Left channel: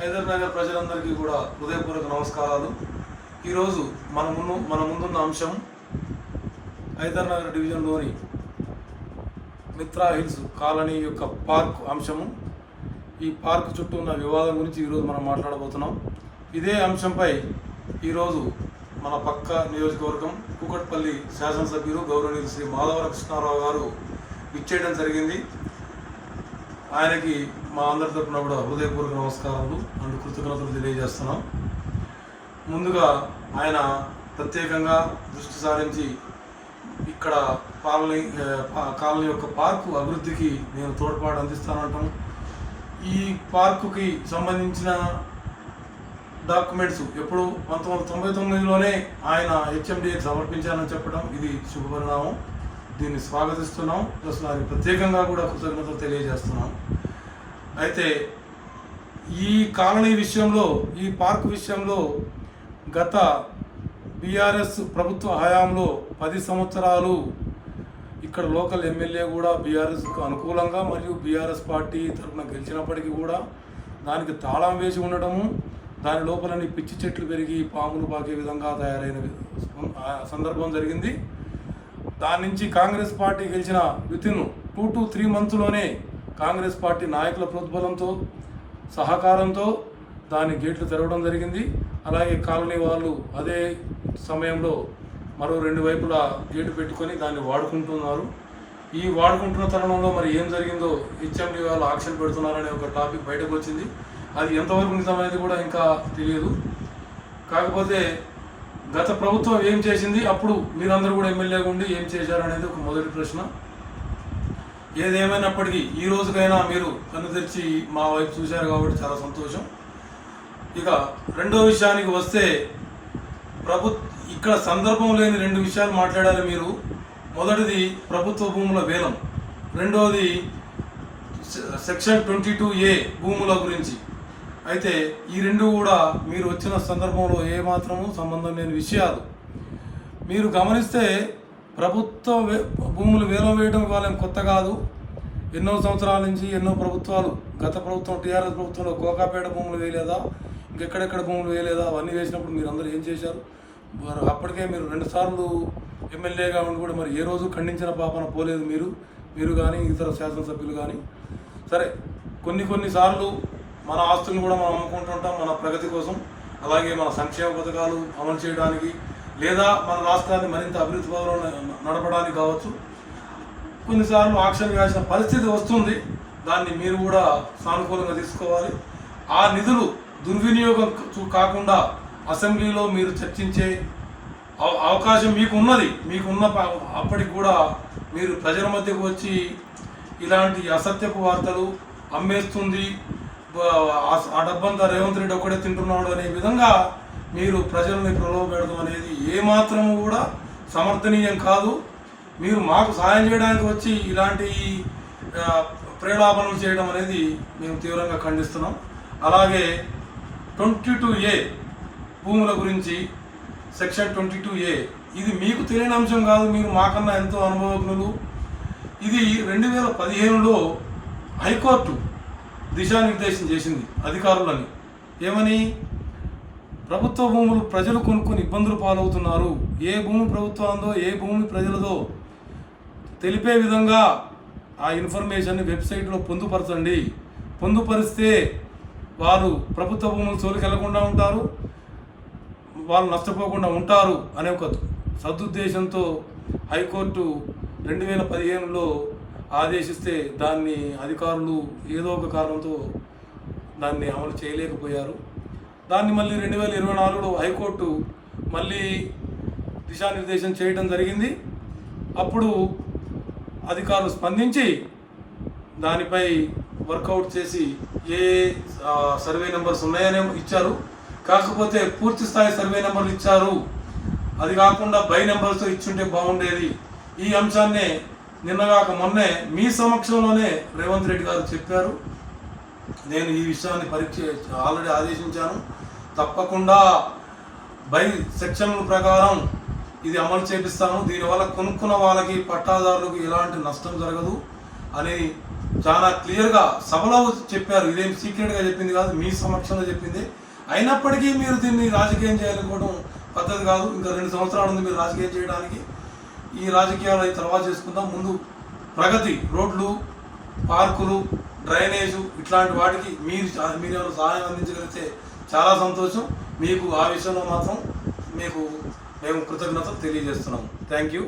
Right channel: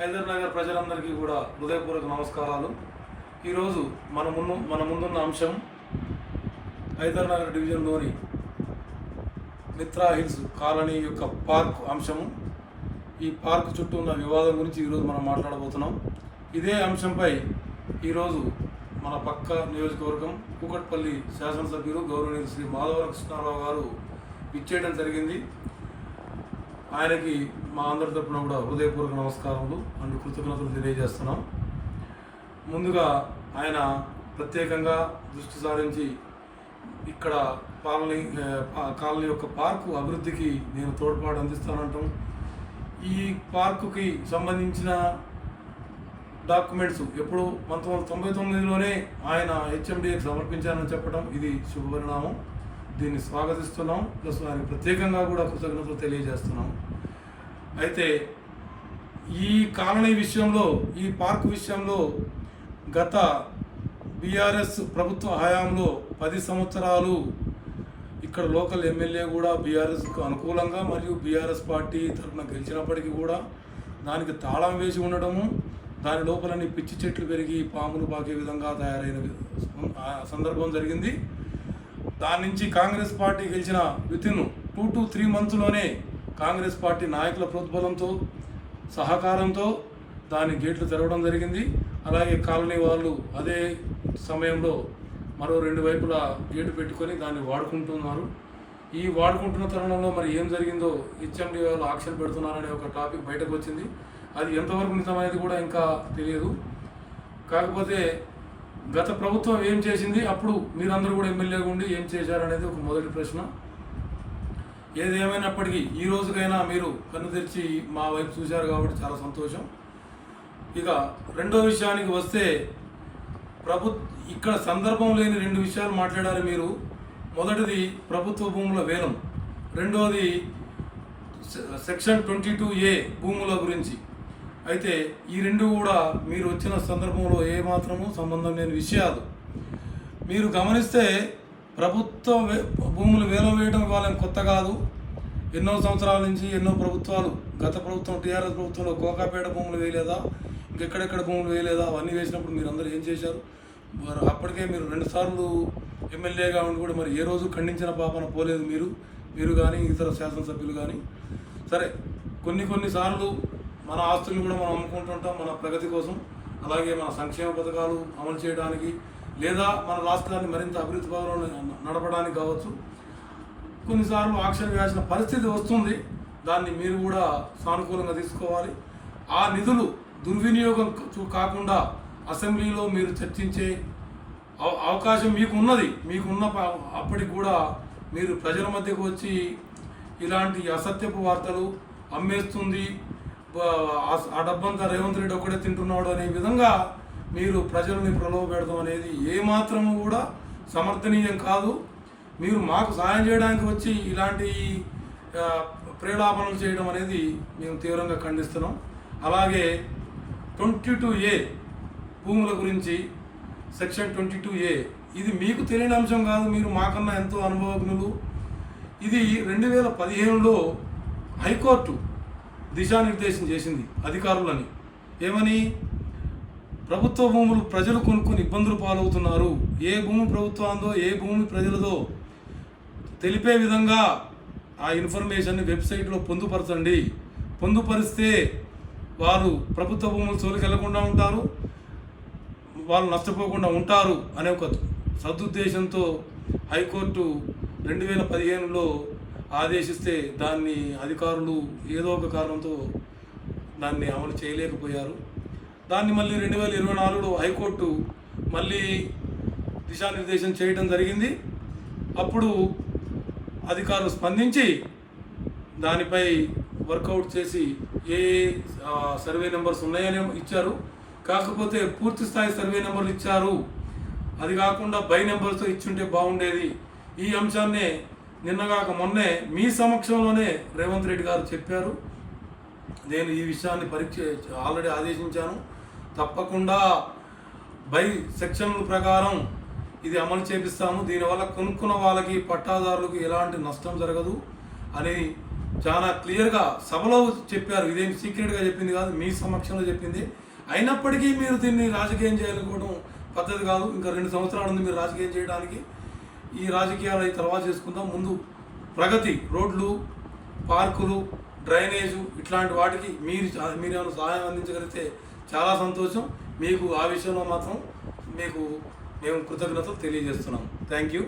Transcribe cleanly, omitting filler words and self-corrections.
హైదరాబాద్ ప్రజలందరికీ కూడా హృదయపూర్వక నమస్కారాలు. ఈరోజు మన ముందున్న అంశం హైదరాబాద్ డివిజన్లోని మిత్రా హిల్స్ కాలనీ యొక్క పార్క్ అంశము. ఈ పార్క్ చుట్టూ ఉన్న వివాదం గురించి ఈరోజు మనం మాట్లాడబోతున్నాం. ఇదే అంశంపై ఈరోజు మన పక్క నియోజకవర్గం కూకట్పల్లి శాసనసభ్యులు గౌరవనీయులు శ్రీ మాధవరం కృష్ణారావు గారు ఇచ్చేయడం జరిగింది. ఆయనకి మా అందరి తరపున కూడా హృదయపూర్వక నమస్కారాలు అండ్ కృతజ్ఞతలు తెలియజేస్తున్నాం. ముందుగా ఆయన ప్రత్యేకంగా దృష్టి సారించి ఇక్కడ కాలనీ యొక్క పార్కు అభివృద్ధికి నేను తోడ్పాటు అందిస్తానంటాం. ఈ పార్కుకి సంబంధించిన డాక్యుమెంట్స్ ఎప్పుడు 1999లోనే ఆయన హెచ్ఎండిఏకి సమర్పించారని చెప్పడం ఇది శుభపరిణామం. దీన్ని స్వాగతిస్తున్నాం. ప్లస్ వారికి ప్రత్యేకంగా కూడా కృతజ్ఞతలు తెలియజేస్తున్నాం. అయితే ఈ కాలనీ విషయంలో, ఈ పార్కు విషయంలో గత బీఆర్ఎస్ ప్రభుత్వ హయాంలో 10 సంవత్సరాలు ఇక్కడ లోకల్ ఎమ్మెల్యే కూడా బీఆర్ఎస్కు అనుకూలంగా మరియు బీఆర్ఎస్ పార్టీ తరఫున గెలిచినప్పటికీ కూడా దానికి తాళం వేసి ఉండడము, దాని లోపలని పిచ్చి చెట్లు పెరిగి పాములు పాకే విధంగా తయారైన సందర్భం జరిగింది. దాని నుంచి కాంగ్రెస్ పార్టీ గెలిచిన వితిన్ 2 to 3 మంత్స్లోనే కాంగ్రెస్ పార్టీ నాయకుల ప్రోద్బలంతో సహకారంతో దాని గేట్లు తెరవడం జరిగింది. అలాగే కాలనీ వాళ్ళు అదే సమయంలో మరో 2 వైపులా గేటు పెట్టుకొని దాన్ని వాడుకుంటున్నారు. ఈ వాడుకుంటున్న తరుణంలో మరి ఏం జరిగిందో హెచ్ఎండి వాళ్ళు ఆక్షన్ పెడుతున్నారనే ఒక టాపిక్ బయటకు వచ్చింది. అది ఎంతవరకు నిజమనేది కూడా ఇంకా తెలియదు. కాకపోతే గత ప్రభుత్వం ఏం చేసింది, అప్పుడు మీరందరూ కూడా ఎమ్మెల్యేగా ఉండి ఏం చేశారనేది ఒక మొదటి ప్రశ్న. ఏదేమైనప్పటికీ ఈ రోజుకైనా మీరు కన్ను తెరిచి మా వైపు చూశారు కాబట్టి చాలా సంతోషం. ఇక రెండో విషయానికి వస్తే, ఇక్కడ సందర్భం లేని 2 విషయాలు మాట్లాడారు మీరు. మొదటిది ప్రభుత్వ భూముల వేలం, రెండోది సెక్షన్ 22A భూముల గురించి. అయితే ఈ 2 కూడా మీరు వచ్చిన సందర్భంలో ఏమాత్రము సంబంధం లేని విషయాలు. మీరు గమనిస్తే ప్రభుత్వ భూములు వేలం వేయడం వాళ్ళని కొత్త కాదు. ఎన్నో సంవత్సరాల నుంచి ఎన్నో ప్రభుత్వాలు, గత ప్రభుత్వం టీఆర్ఎస్ ప్రభుత్వంలో కోకాపేట భూములు వేయలేదా, ఇంకెక్కడెక్కడ భూములు వేయలేదా, అవన్నీ వేసినప్పుడు మీరు అందరూ ఏం చేశారు? అప్పటికే మీరు 2 సార్లు ఎమ్మెల్యేగా ఉండి కూడా మరి ఏ రోజు ఖండించిన పాపన పోలేదు మీరు కానీ ఇతర శాసనసభ్యులు కానీ. సరే, కొన్నిసార్లు మన ఆస్తులను కూడా మనం అమ్ముకుంటుంటాం మన ప్రగతి కోసం, అలాగే మన సంక్షేమ పథకాలు అమలు చేయడానికి లేదా మన రాష్ట్రాన్ని మరింత అభివృద్ధి పథంలో నడపడానికి కావచ్చు. కొన్నిసార్లు ఆక్షన్ చేయాల్సిన పరిస్థితి వస్తుంది. దాన్ని మీరు కూడా సానుకూలంగా తీసుకోవాలి. ఆ నిధులు దుర్వినియోగం కాకుండా అసెంబ్లీలో మీరు చర్చించే అవకాశం మీకున్న అప్పటికి కూడా మీరు ప్రజల మధ్యకు వచ్చి ఇలాంటి అసత్యపు వార్తలు అమ్మేస్తుంది, ఆ డబ్బంతా రేవంత్ రెడ్డి ఒక్కడే తింటున్నాడు అనే విధంగా మీరు ప్రజల్ని ప్రలోభపెడతాం అనేది ఏమాత్రము కూడా సమర్థనీయం కాదు. మీరు మాకు సాయం చేయడానికి వచ్చి ఇలాంటి ప్రేలాపనలు చేయడం అనేది మేము తీవ్రంగా ఖండిస్తున్నాం. అలాగే 22A భూముల గురించి, సెక్షన్ 22A ఇది మీకు తెలియని అంశం కాదు, మీరు మాకన్నా ఎంతో అనుభవజ్ఞులు. ఇది 2015లో హైకోర్టు దిశానిర్దేశం చేసింది అధికారులని. ఏమని? ప్రభుత్వ భూములు ప్రజలు కొనుక్కొని ఇబ్బందులు పాలవుతున్నారు, ఏ భూమి ప్రభుత్వందో ఏ భూమి ప్రజలదో తెలిపే విధంగా ఆ ఇన్ఫర్మేషన్ని వెబ్సైట్లో పొందుపరచండి. పొందుపరిస్తే వారు ప్రభుత్వ భూములు జోలికి వెళ్లకుండా ఉంటారు, వాళ్ళు నష్టపోకుండా ఉంటారు అనే ఒక సదుద్దేశంతో హైకోర్టు 2015లో ఆదేశిస్తే దాన్ని అధికారులు ఏదో ఒక కారణంతో దాన్ని అమలు చేయలేకపోయారు. దాన్ని మళ్ళీ 2024లో హైకోర్టు మళ్ళీ దిశానిర్దేశం చేయడం జరిగింది. అప్పుడు అధికారులు స్పందించి దానిపై వర్కౌట్ చేసి ఏ సర్వే నెంబర్స్ ఉన్నాయనే ఇచ్చారు. కాకపోతే పూర్తి స్థాయి సర్వే నెంబర్లు ఇచ్చారు, అది కాకుండా బై నెంబర్స్తో ఇచ్చుంటే బాగుండేది. ఈ అంశాన్నే నిన్నగాక మొన్నే మీ సమక్షంలోనే రేవంత్ రెడ్డి గారు చెప్పారు. నేను ఈ విషయాన్ని ఆల్రెడీ ఆదేశించాను, తప్పకుండా బై సెక్షన్ ప్రకారం ఇది అమలు చేపిస్తాము, దీనివల్ల కొనుక్కున్న వాళ్ళకి పట్టాదారులకు ఎలాంటి నష్టం జరగదు అని చాలా క్లియర్గా సభలో చెప్పారు. ఇదేం సీక్రెట్గా చెప్పింది కాదు, మీ సమక్షంలో చెప్పింది. అయినప్పటికీ మీరు దీన్ని రాజకీయం చేయాలనుకోవడం పద్ధతి కాదు. ఇంకా 2 సంవత్సరాల ఉంది మీరు రాజకీయం చేయడానికి. ఈ రాజకీయాలు అయితే తర్వాత చేసుకుందాం. ముందు ప్రగతి, రోడ్లు, పార్కులు, డ్రైనేజు ఇట్లాంటి వాటికి మీరేమైనా సహాయం అందించగలిగితే చాలా సంతోషం. మీకు ఆ విషయంలో మాత్రం మేము కృతజ్ఞతలు తెలియజేస్తున్నాం. Thank you.